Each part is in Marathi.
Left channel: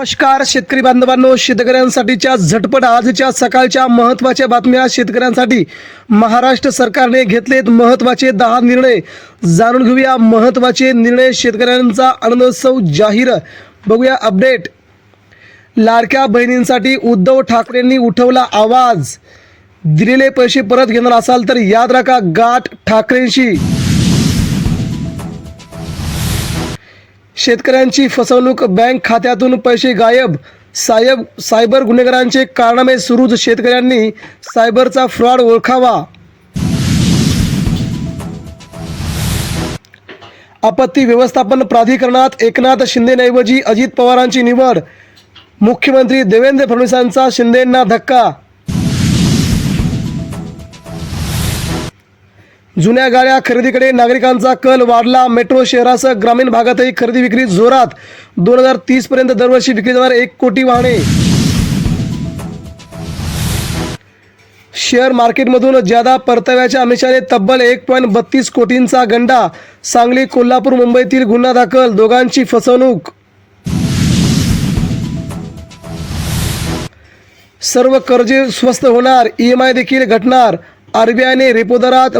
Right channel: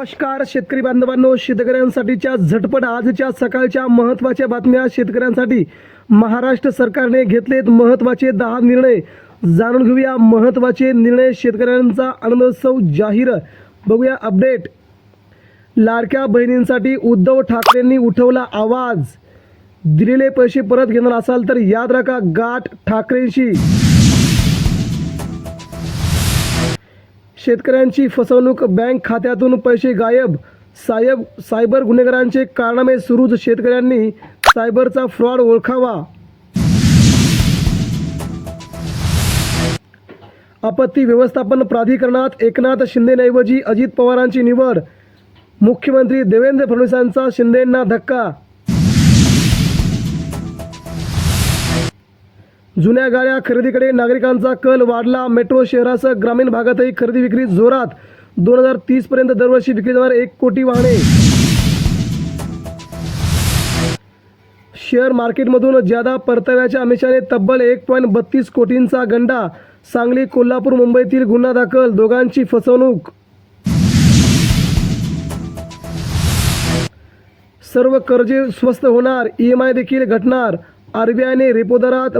नमस्कार शेतकरी बांधवांनो शेतकऱ्यांसाठीच्या झटपट आजच्या सकाळच्या महत्त्वाच्या बातम्या शेतकऱ्यांसाठी महाराष्ट्र सरकारने घेतलेत महत्त्वाचे दहा निर्णय. जाणून घेऊया महत्त्वाचे निर्णय शेतकऱ्यांचा आनंदोत्सव जाहीर. बघूया अपडेट. लाडक्या बहिणींसाठी उद्धव ठाकरेंनी उठवला आवाज. दिलेले पैसे परत घेणार असाल तर याद राखा गाठ ठाकरेंशी. शेतकऱ्यांची फसवणूक बँक खात्यातून पैसे गायब सायब सायबर गुन्हेगारांचे कारनामे सुरूच शेतकऱ्यांनी सायबरचा फ्रॉड ओळखावा. आपत्ती व्यवस्थापन प्राधिकरणात एकनाथ शिंदेऐवजी अजित पवारांची निवड. मुख्यमंत्री देवेंद्र फडणवीसांचा शिंदेंना धक्का जुन्या गाड्या खरेदीकडे नागरिकांचा कल वाढला. मेट्रो शहरासह ग्रामीण भागातही खरेदी विक्री जोरात. दोन हजार तीस पर्यंत दरवर्षी विक्री जाणार एक कोटी वाहने. शेअर मार्केटमधून ज्यादा परताव्याच्या अमिषाने तब्बल एक पॉईंट बत्तीस कोटींचा गंडा. सांगली कोल्हापूर मुंबईतील गुन्हा दाखल. दोघांची फसवणूक. सर्व कर्जे स्वस्त होणार. ई एम आय देखील घटणार. आर बी आयने रेपो दरात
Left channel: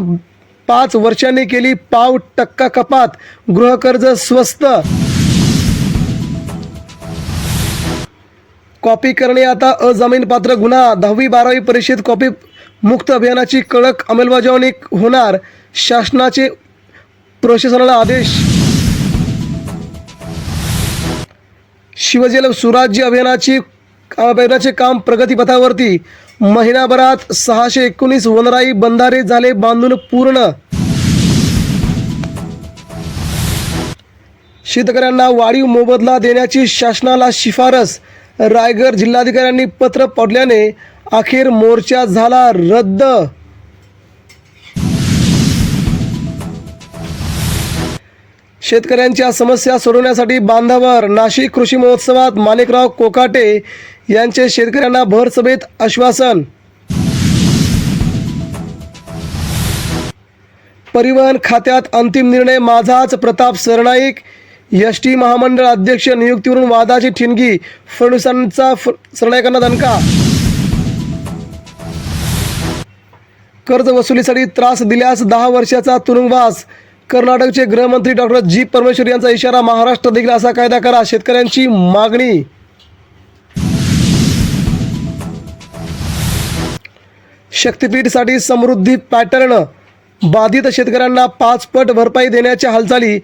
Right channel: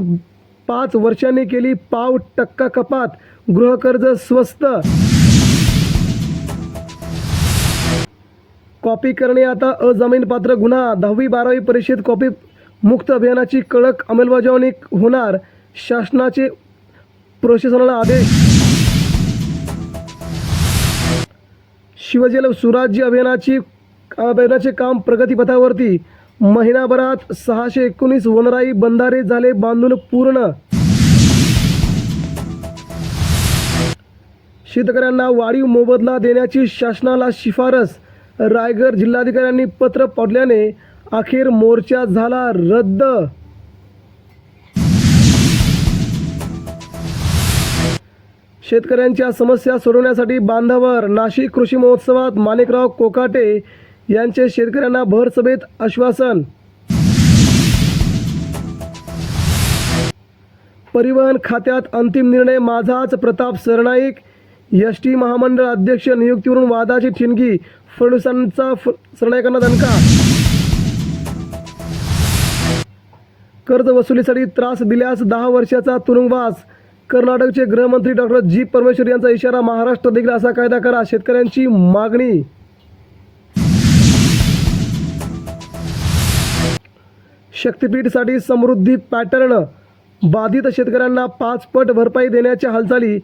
पाच वर्षांनी केली पाव टक्का कपात. गृहकर्ज स्वस्त. कॉपी करणे आता अजामीनपात्र गुन्हा. दहावी बारावी परीक्षेत कॉपी मुक्त अभियानाची कडक अंमलबजावणी होणार. शासनाचे प्रशासनाला आदेश. शिवजल सुराज्य अभियानाची अभियानाचे काम प्रगतीपथावरती. महिनाभरात सहाशे एकोणीस वनराई बंधारे झाले बांधून पूर्ण. शेतकऱ्यांना वाढीव मोबदला देण्याची शासनाला शिफारस. रायगड जिल्हाधिकाऱ्यांनी पत्र पडल्याने अखेर मोर्चा झाला रद्द. शेतकऱ्यांच्या समस्या सोडवण्यासाठी बांधावर नाशिक कृषी महोत्सवात माणिकराव कोकाटे यांचे शेतकऱ्यांना भर सभेत आश्वासन. परिवहन खात्यात अंतिम निर्णय माझाच प्रताप सरनाईक एस टी महामंडळ अध्यक्ष नियुक्तीवरून वादाची ठिणगी फडणवीसांचा फ सरनाईकांना दणका. कर्ज वसुलीसाठी त्रास दिल्यास दहा वर्षाचा तुरुंगवास. कर्नाटकचे गृहमंत्री डॉक्टर जी परमेश्वर यांचा इशारा महाराष्ट्र देखील असा कायदा करा शेतकऱ्यांची मागणी. शक्तीपीठसाठी समृद्धी पॅटर्न. बाधित शेतकऱ्यांना पाच पट भरपाई देण्याच्या हालचाली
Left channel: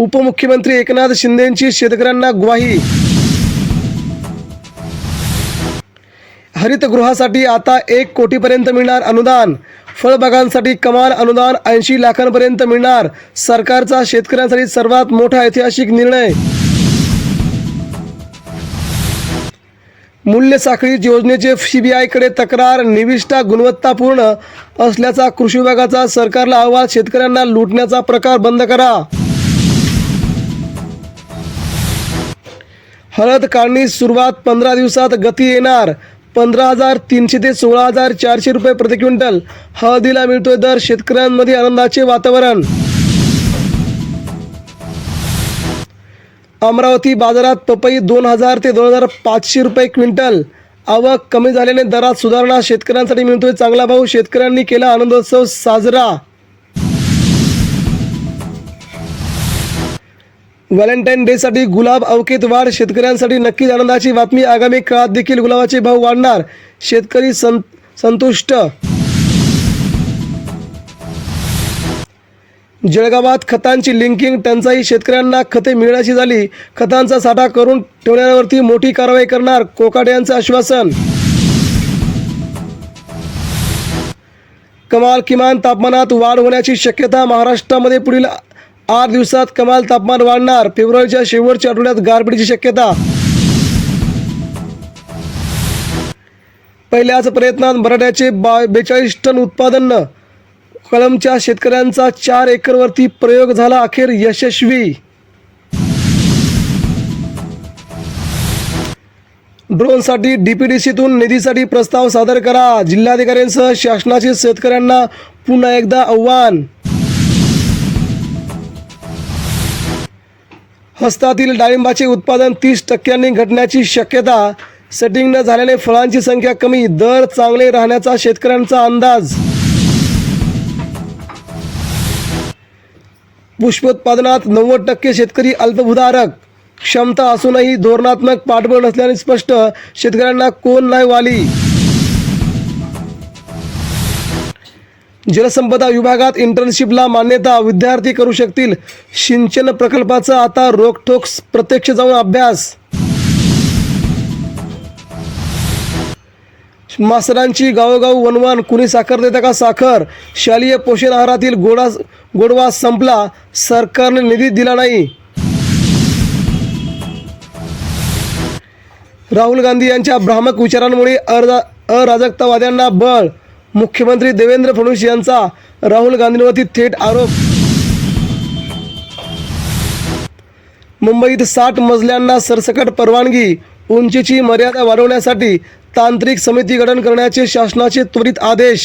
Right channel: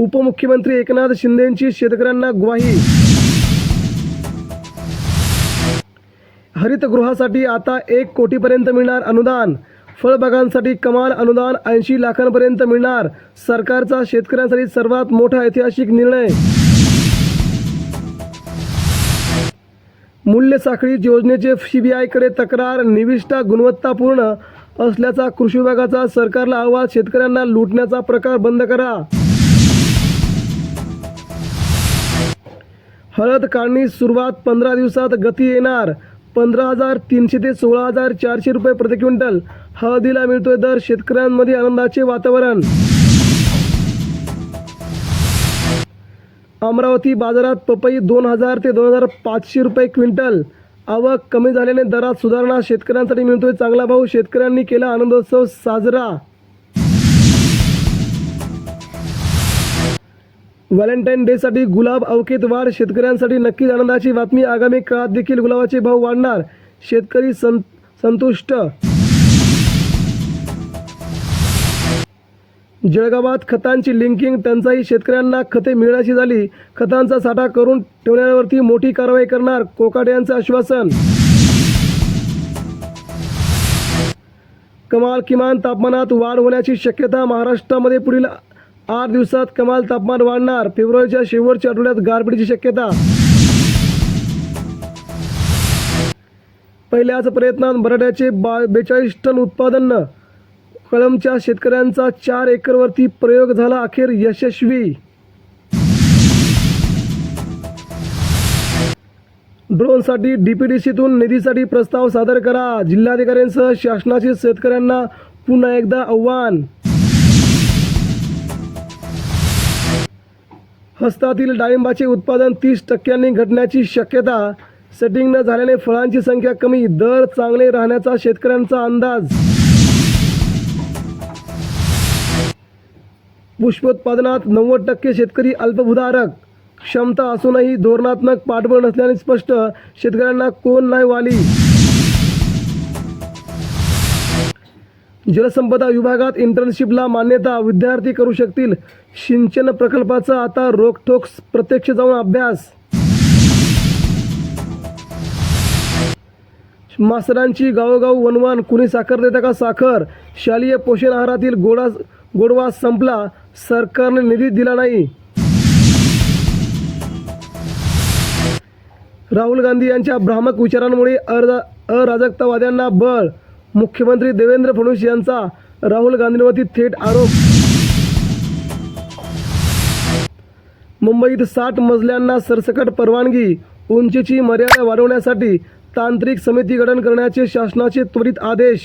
उपमुख्यमंत्री एकनाथ शिंदेंची शेतकऱ्यांना ग्वाही. हरितगृहासाठी आता एक कोटीपर्यंत मिळणार अनुदान. फळबागांसाठी कमाल अनुदान ऐंशी लाखांपर्यंत मिळणार. सरकारचा शेतकऱ्यांसाठी सर्वात मोठा ऐतिहासिक निर्णय. मूल्य साखळी योजनेचे सीबीआयकडे तक्रार निविष्ठा गुणवत्तापूर्ण असल्याचा कृषी विभागाचा सरकारला अहवाल शेतकऱ्यांना लुटण्याचा प्रकार बंद करा. हळद काढणी सुरुवात पंधरा दिवसात गती येणार. पंधरा हजार तीनशे ते सोळा हजार चारशे रुपये प्रति क्विंटल. हळदीला मिळतोय दर शेतकऱ्यांमध्ये आनंदाचे वातावरण. अमरावती बाजारात पपई दोन हजार ते दोन हजार पाचशे रुपये क्विंटल. आवक कमी झाल्याने दरात सुधारणा शेतकऱ्यांसाठी मिळतोय चांगला भाव. शेतकऱ्यांनी केला आनंदोत्सव साजरा. व्हॅलेंटाईन डेसाठी गुलाब अवकेत वाढ. शेतकऱ्यांसाठी नक्कीच आनंदाची बातमी. आगामी काळात देखील गुलाबाचे भाव वाढणार. शेतकरी सं संतुष्ट जळगावात खतांची लिंकिंग टंचाई शेतकऱ्यांना खते मिळण्याची झाली. खतांचा साठा करून ठेवण्यावरती मोठी कारवाई करणार कोकाटे यांचं आश्वासन. कमाल किमान तापमानात वाढ होण्याची शक्यता महाराष्ट्रामध्ये पुढील आठ दिवसात कमाल तापमान वाढणार. फेब्रुवारीच्या शेवटच्या आठवड्यात गारपीटीची शक्यता. पहिल्याच प्रयत्नात बराट्याचे बा बेचाळीस टन उत्पादन कळमच्या शेतकऱ्यांचा चार एकरवरती प्रयोग झाला अखेर यशस्वी. ड्रोनसाठी डीपीडीसीतून निधीसाठी प्रस्ताव सादर करा. जिल्हाधिकाऱ्यांसह शासनाचे शेतकऱ्यांना पुन्हा एकदा आव्हान. हस्तातील डाळिंबाचे उत्पादन तीस टक्क्यांनी घटण्याची शक्यता. सेटिंग न झाल्याने फळांची संख्या कमी. दर चांगले राहण्याचा शेतकऱ्यांचा अंदाज. पुष्पोत्पादनात नव्वद टक्के शेतकरी अल्पभूधारक. क्षमता असूनही धोरणात्मक पाठबळ नसल्याने स्पष्ट शेतकऱ्यांना कोण नाही वाली? जलसंपदा विभागात इंटर्नशिपला मान्यता विद्यार्थी करू शकतील. सिंचन प्रकल्पाचा आता रोखठोक प्रत्यक्ष जाऊन अभ्यास. मास्तरांची गावोगाव वनवान कुणी साखर देता का साखर? शालेय पोषण आहारातील गोडा गोडवा संपला सरकारने निधी दिला नाही. राहुल गांधी यांच्या भ्रामक विचारांमुळे अरा अराजकतावाद्यांना बळ. मुख्यमंत्री देवेंद्र फडणवीस यांचा राहुल गांधींवरती थेट आरोप. मुंबईत साठ मजल्यांना सरसकट परवानगी उंचीची मर्यादा वाढवण्यासाठी तांत्रिक समिती गठन करण्याचे शासनाचे त्वरित आदेश.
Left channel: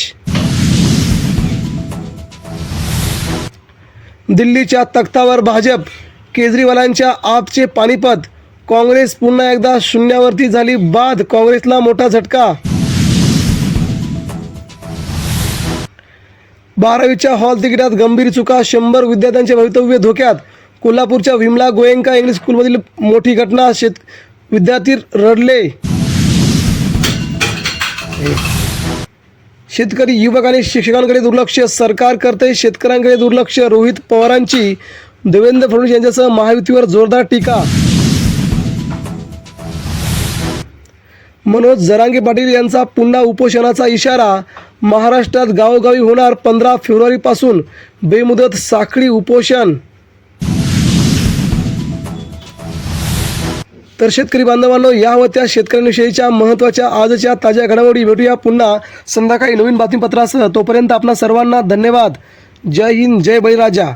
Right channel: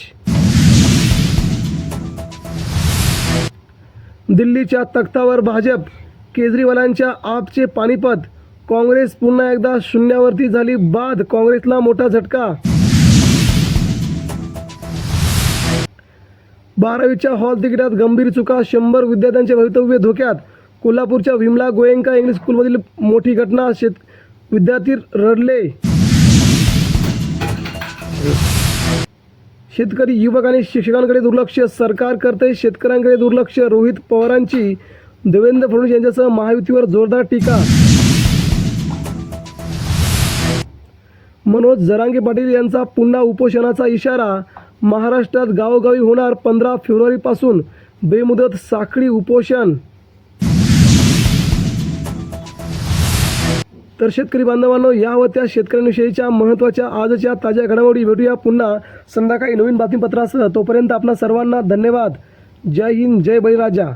दिल्लीच्या तख्तावर भाजप केजरीवालांच्या आपचे पानिपत काँग्रेस पुन्हा एकदा शून्यावरती झाली बाद काँग्रेसला मोठा झटका. बारावीच्या हॉल तिकिटात गंभीर चुका शंभर विद्यार्थ्यांचे भवितव्य धोक्यात. कोल्हापूरच्या विमला गोयंका इंग्लिश स्कूलमधील मोठी घटना शेत विद्यार्थी रडले. शेतकरी युवक आणि शिक्षकांकडे दुर्लक्ष. सरकार करते शेतकऱ्यांकडे दुर्लक्ष. रोहित पवारांची. देवेंद्र फडणवीस यांच्यासह महायुतीवर जोरदार टीका. मनोज जरांगे पाटील यांचा पुन्हा उपोषणाचा इशारा. महाराष्ट्रात गावोगावी होणार पंधरा फेब्रुवारीपासून. बेमुदत साखळी उपोषण. तर शेतकरी बांधवांनो या त्या शेतकऱ्यांविषयीच्या महत्त्वाच्या आजच्या ताज्या घडामोडी भेटूया पुन्हा संध्याकाळी नवीन बातमीपत्रासह. तोपर्यंत आपणा सर्वांना धन्यवाद. जय हिंद जय बळीराजा.